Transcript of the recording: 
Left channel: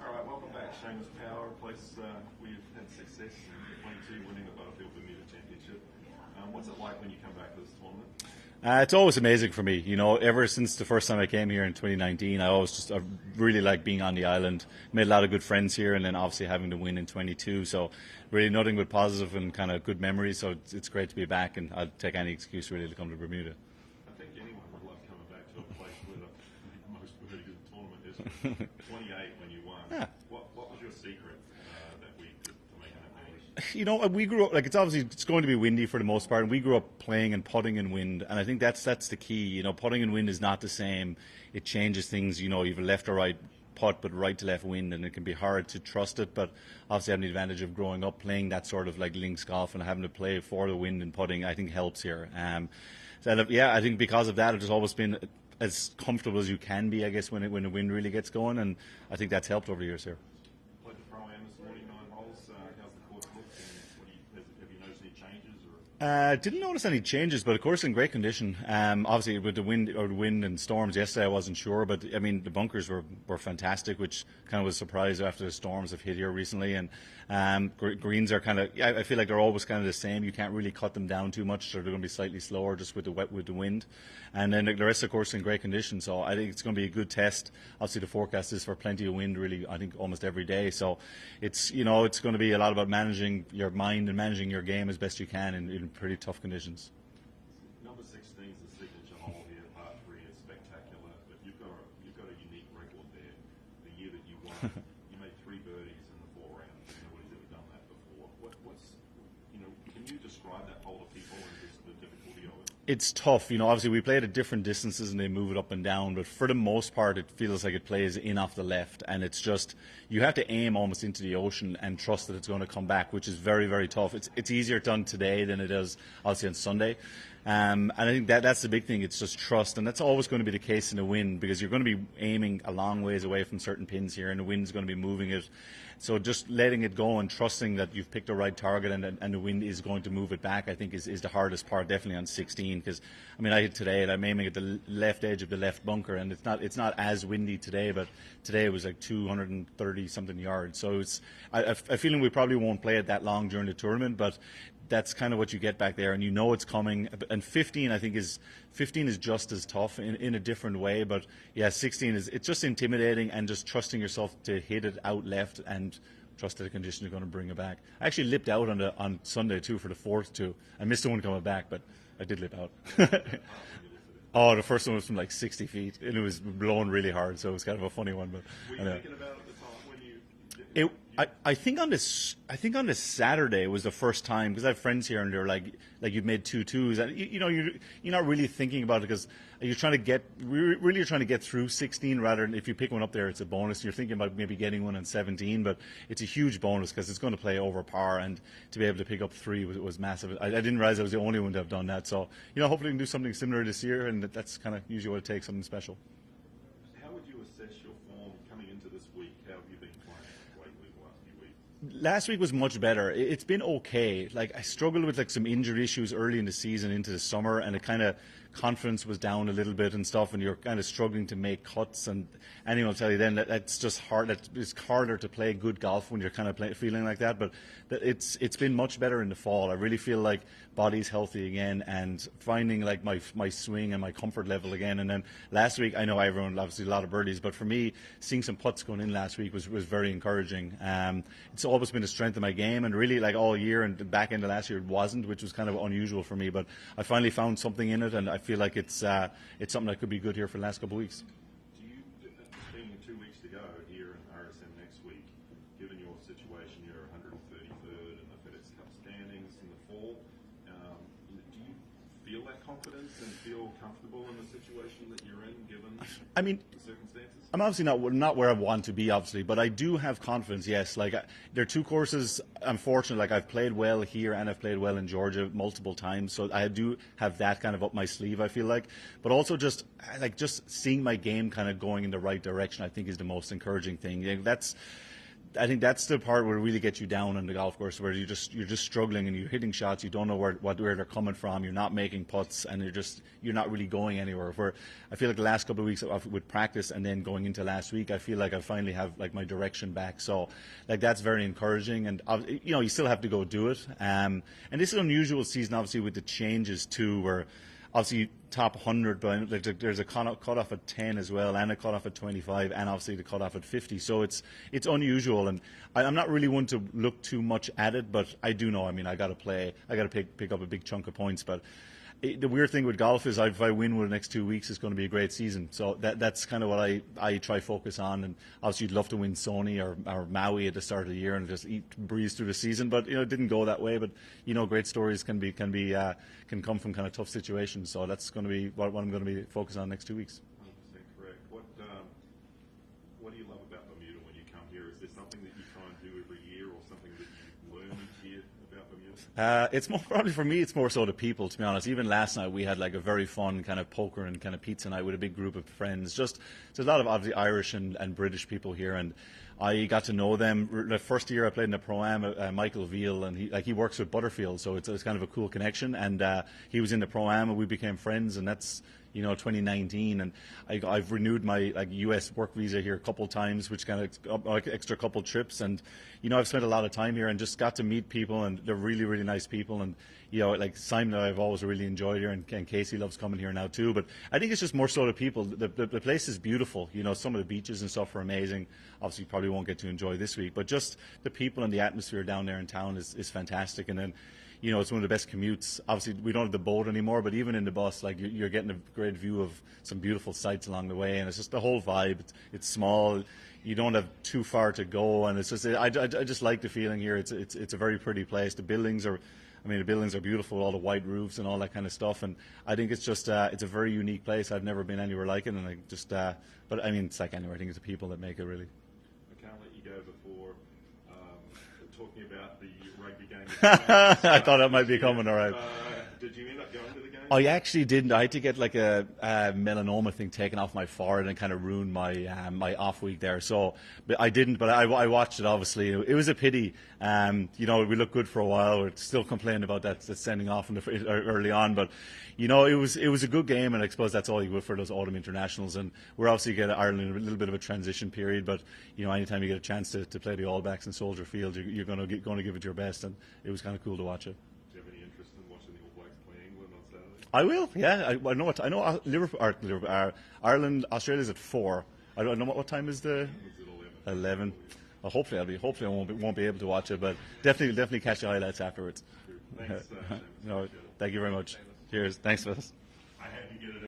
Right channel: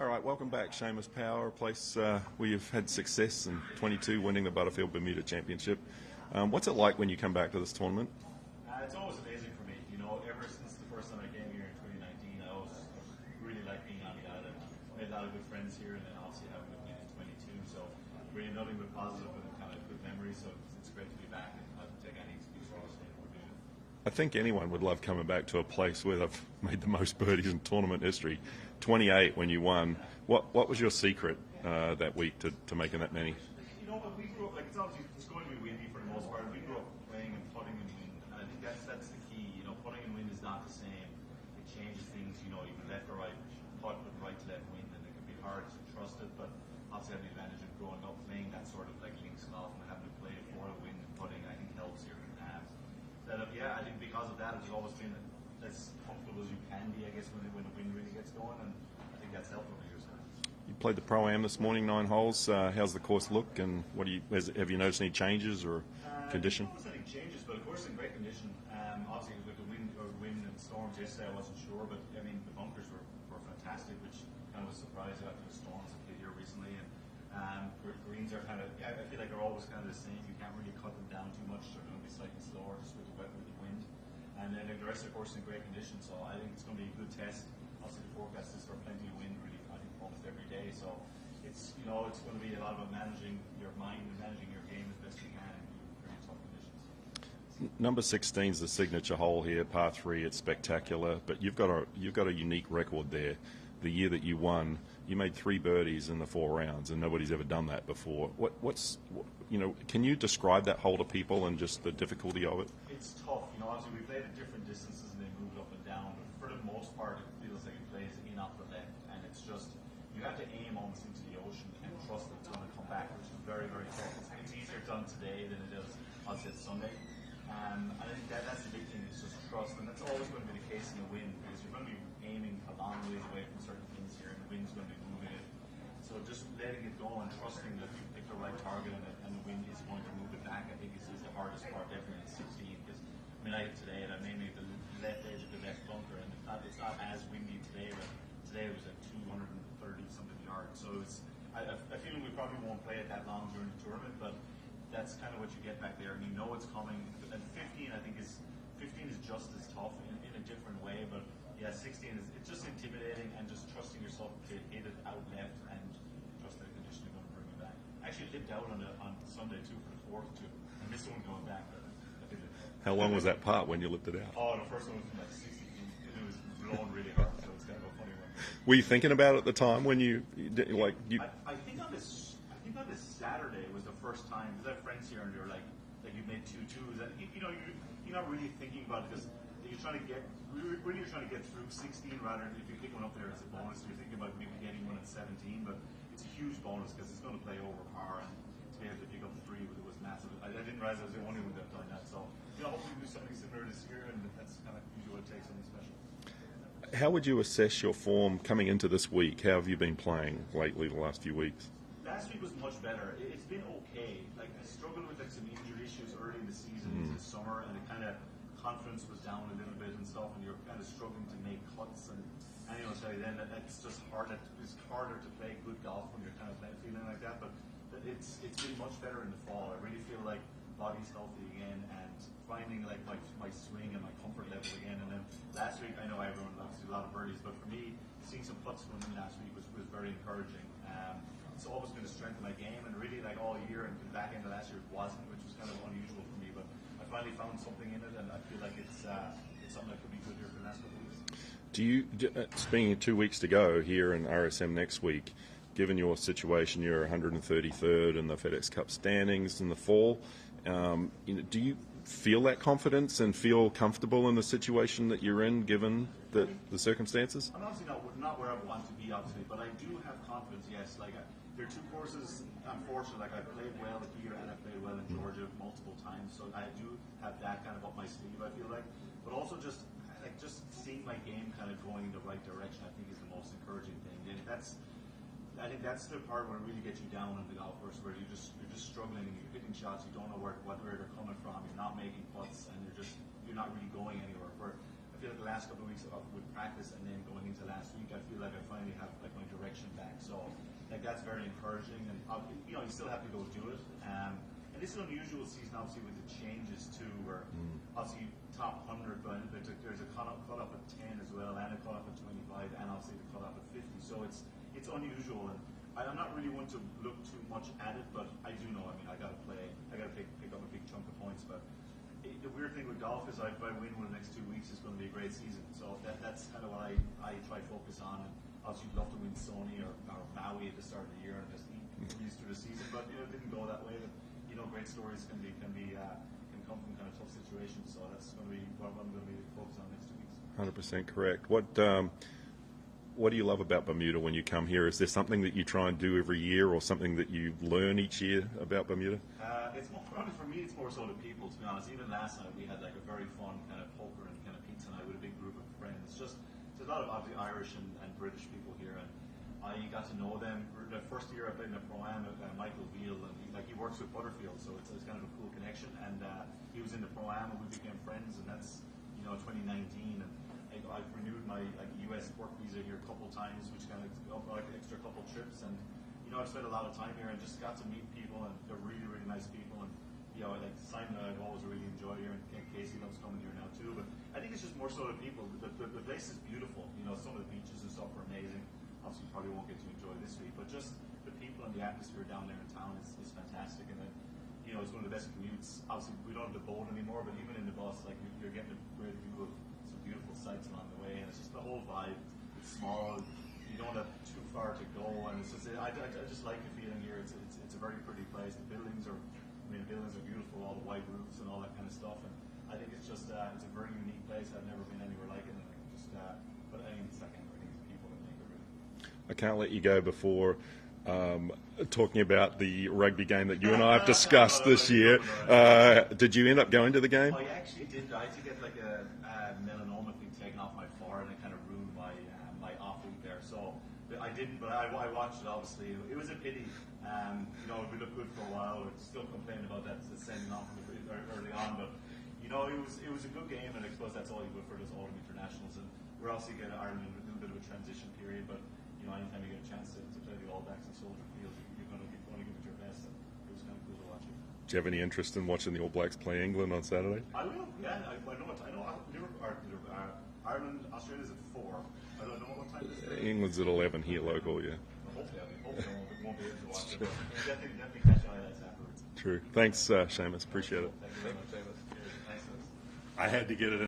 All right, welcome back, Seamus Power, a place where you've had success in 22, winning the Butterfield Bermuda Championship. What's it like when you come back to this tournament? It's always amazing for me. You know, ever since the first time I came here in 2019, I really like being on the island. Made a lot of good friends here, and then obviously having to win in 22. So really nothing but positive and kind of good memories. So it's great to be back, and I'd take any excuse really to come to Bermuda. I think anyone would love coming back to a place where they've made the most birdies in tournament history. 28 when you won. Yeah. What was your secret that week to making that many? You know, we grew up, like, it's going to be windy for the most part, and we grew up playing and putting in wind, and I think that's the key. You know, putting in wind is not the same. It changes things. You know, you have a left or right putt, but right to left wind, and it can be hard to trust it. But obviously having the advantage of growing up playing that sort of like links golf and having to play for the wind and putting, I think helps here. Yeah, I think because of that, it's always been as comfortable as you can be, I guess, when the wind really gets going, and I think that's helped over the years here. You played the Pro-Am this morning, 9 holes. How's the course look, and have you noticed any changes or? Didn't notice any changes, but of course in great condition. Obviously with the wind and storms yesterday, I wasn't sure, but I mean the bunkers were fantastic, which kind of was a surprise after the storms have hit here recently. And greens are kind of, I feel like they're always kind of the same. You can't really cut them down too much, so they're going to be slightly slower just with the wind. And then the rest of the course in great condition, so I think it's going to be a good test. Obviously the forecast is for plenty of wind, really, I think almost every day. So it's going to be a lot about managing your mind and managing your game as best you can in pretty tough conditions. Number 16 is the signature hole here, par 3. It's spectacular, but you've got a unique record there. The year that you won, you made 3 birdies in the 4 rounds, and nobody's ever done that before. Can you describe that hole to people and just the difficulty of it? It's tough. You know, obviously we play it at different distances and they move it up and down, but for the most part it feels like it plays in off the left, and it's just, you have to aim almost into the ocean and trust that it's going to come back, which is very, very tough. It's easier done today than it is obviously on Sunday. And I think that's the big thing. It's just trust, and that's always going to be the case in the wind, because you're going to be aiming a long ways away from certain pins here, and the wind's going to be moving it. So just letting it go and trusting that you've picked the right target and the wind is going to move it back, I think is the hardest part, definitely on 16. Because I mean, I hit today and I'm aiming at the left edge of the left bunker, and it's not as windy today, but today it was like 230 something yards. So I feeling we probably won't play it that long during the tournament, but that's kind of what you get back there, and you know it's coming. And 15, I think, is just as tough in a different way. But yeah, 16 it's just intimidating, and just trusting yourself to hit it out left and trust that the conditions are going to bring it back. I actually lipped out on Sunday too for the 4th too. I missed the one coming back, but I did lip out. How long was that part when you lipped it out? Oh, the first one was from like 60 feet, and it was blowing really hard, so it was kind of a funny one. But were you thinking about it at the time when you? I think on this Saturday was the first time, because I have friends here and they're like you've made 2 twos, and you're not really thinking about it, because you're trying to get through 16 rather than if you pick one up there, it's a bonus. You're thinking about maybe getting one on 17, but it's a huge bonus because it's going to play over par, and to be able to pick up 3 was massive. I didn't realize I was the only one to have done that. So hopefully we can do something similar this year, and that's kind of usually what it takes, something special. How would you assess your form coming into this week? How have you been playing lately the last few weeks? Last week was much better. It's been okay. Like, I struggled with like some injury issues early in the season into the summer, and it kind of confidence was down a little bit and stuff, and you're kind of struggling to make cuts, and anyone will tell you then that that's just hard. It's harder to play good golf when you're kind of feeling like that. But it's been much better in the fall. I really feel like body's healthy again, and finding like my swing and my comfort level again. And then last week, I know everyone obviously a lot of birdies, but for me, seeing some putts going in last week was very encouraging. It's always been a strength of my game, and really like all year and the back end of last year it wasn't, which was kind of unusual for me. But I finally found something in it, and I feel like it's something that could be good here for the last couple of weeks. Being 2 weeks to go here in RSM next week, given your situation, you're 133rd in the FedExCup standings in the fall. Do you feel that confidence and feel comfortable in the situation that you're in, given the circumstances? I'm obviously not where I want to be, obviously, but I do have confidence. Yes, like there are 2 courses. I'm fortunate. Like, I've played well here and I've played well in Georgia multiple times, so I do have that kind of up my sleeve, I feel like. But also just seeing my game kind of going in the right direction, I think, is the most encouraging thing. I think that's the part where it really gets you down on the golf course, where you're just struggling and you're hitting shots, you don't know where they're coming from, you're not making putts, and you're not really going anywhere. Where I feel like the last couple of weeks with practice and then going into last week, I feel like I finally have like my direction back. So like that's very encouraging, and you still have to go do it. And this is an unusual season, obviously, with the changes too, where obviously top 100, but there's a cutoff at 10 as well, and a cutoff at 25, and obviously the cutoff at 50. So it's unusual, and I'm not really one to look too much at it, but I do know. I mean, I got to play. I got to pick up a big chunk of points. But the weird thing with golf is, if I win with the next 2 weeks, it's going to be a great season. So that's kind of what I try focus on. And obviously, you'd love to win Sony or Maui at the start of the year and just breeze through the season. But it didn't go that way. But great stories can come from kind of tough situations. So that's going to be what I'm going to be focused on next 2 weeks. 100% correct. What do you love about Bermuda when you come here? Is there something that you try and do every year, or something that you learn each year about Bermuda? It's more, probably for me, it's more so the people, to be honest. Even last night we had like a very fun kind of poker and kind of pizza night with a big group of friends. There's a lot of obviously Irish and British people here, and I got to know them. The first year I played in the Pro-Am, Michael Veal, and he works with Butterfield, so it's kind of a cool connection. And he was in the Pro-Am, and we became friends, and that's 2019, and I've renewed my U.S. work visa here a couple of times, which kind of extra couple trips, and I've spent a lot of time here and just got to meet people, and they're really, really nice people, and like Simon, I've always really enjoyed here, and Casey loves coming here now too. But I think it's just more so the people. The place is beautiful. Some of the beaches and stuff are amazing. Obviously, you probably won't get to enjoy this week, but just the people and the atmosphere down there in town is fantastic. And then it's one of the best commutes. Obviously, we don't have the boat anymore, but even in the bus, like you're getting a great view of some beautiful sights along the way, and it's just the whole vibe. It's small. You don't have too far to go, and it's just I just like the feeling here. It's a very pretty place. The buildings are beautiful, all the white roofs and all that kind of stuff. And I think it's just it's a very unique place. I've never been anywhere like it, and but I mean, it's like anywhere. I think it's the people that make it really. I can't let you go before talking about the rugby game that you and I have discussed this year. Did you end up going to the game? I actually didn't. I had to get like a melanoma thing taken off my forehead and kind of ruined my off week there. So but I didn't. But I watched it. Obviously, it was a pity. We looked good for a while. We're still complaining about that sending off early on, but. It was a good game, and I suppose that's all you would for those autumn internationals. And we're obviously getting Ireland in a little bit of a transition period, but anytime you get a chance to play the All Blacks in Soldier Field, you're going to give it your best, and it was kind of cool to watch it. Do you have any interest in watching the All Blacks play England on Saturday? I will. Yeah, I know. Ireland, Australia's at 4. I don't know what time is the. England's at 11 here. 11. Local, yeah. Well, hopefully I won't be able to watch it, but definitely catch the highlights afterwards. True. Thanks, Seamus. Appreciate it. Thank you very much. Cheers. Thanks for this. I had to get it in.